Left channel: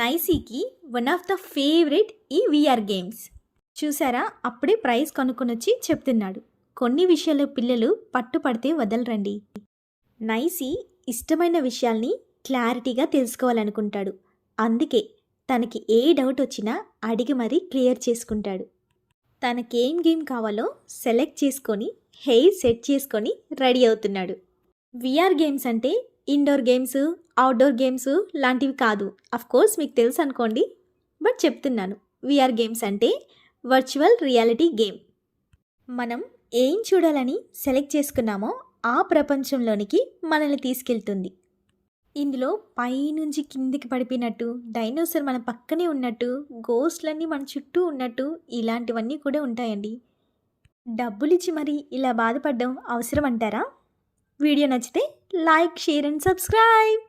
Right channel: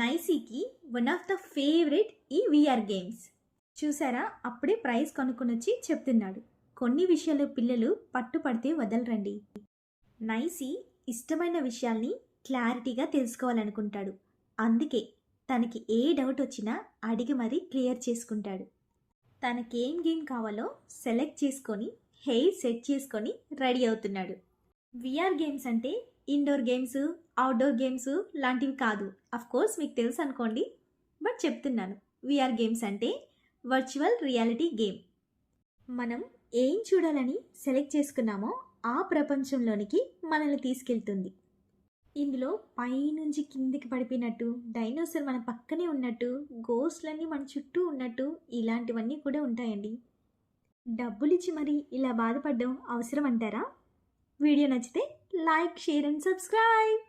నైసీకి one of the favourite ఈ we are games. చూసారా, అప్పుడే ప్రైజ్ కనుక్కొనొచ్చి చెప్తున్నాడు. కొన్ని విషయాలు పిల్లలు పట్టుపడితే వదలరండి. నైసీ ఇష్టమైన విషయాల్ని క్లారిటీగా తెలుసుకోవాలనుకుంటాడు. అందుకే తనకి ఏ డౌట్ వచ్చినా అడిగి మరీ క్లియర్ చేసుకుంటాడు. తనకేం గేమ్ కావాలో సెలెక్ట్ చేసుకొని హెయిర్ సెట్ చేసుకొని రెడీ అవుతున్నాడు. విఆర్ గేమ్స్ అంటే ఇండోర్ గేమ్స్, అవుట్డోర్ గేమ్స్ లాంటివి కాదు. కోర్స్ మీకు తెలుసు అనుకోండి, బట్ చెప్తున్నాను. విఆర్ గేమ్స్ అంటే వర్చువల్ రియాలిటీ గేమ్. మనం ఏం చూడాలని సెలెక్ట్ చేసుకున్నామో ఆ ప్రపంచంలోనికి మనల్ని తీసుకెళ్తుంది. ఇందులో పైనుంచి కిందికి పడిపోయినట్టు, డైనోసార్ మన పక్కనే ఉన్నట్టు, గోస్ట్లన్నీ మన చుట్టూ ఉన్నట్టు, ఇలాంటివన్నీ కూడా ఉంటాయండి. డబ్బులిచ్చి మరి ఇలా బాధపడడం అవసరం అంటారా? వీడియో నచ్చితే లైక్, షేర్ అండ్ సబ్స్క్రైబ్.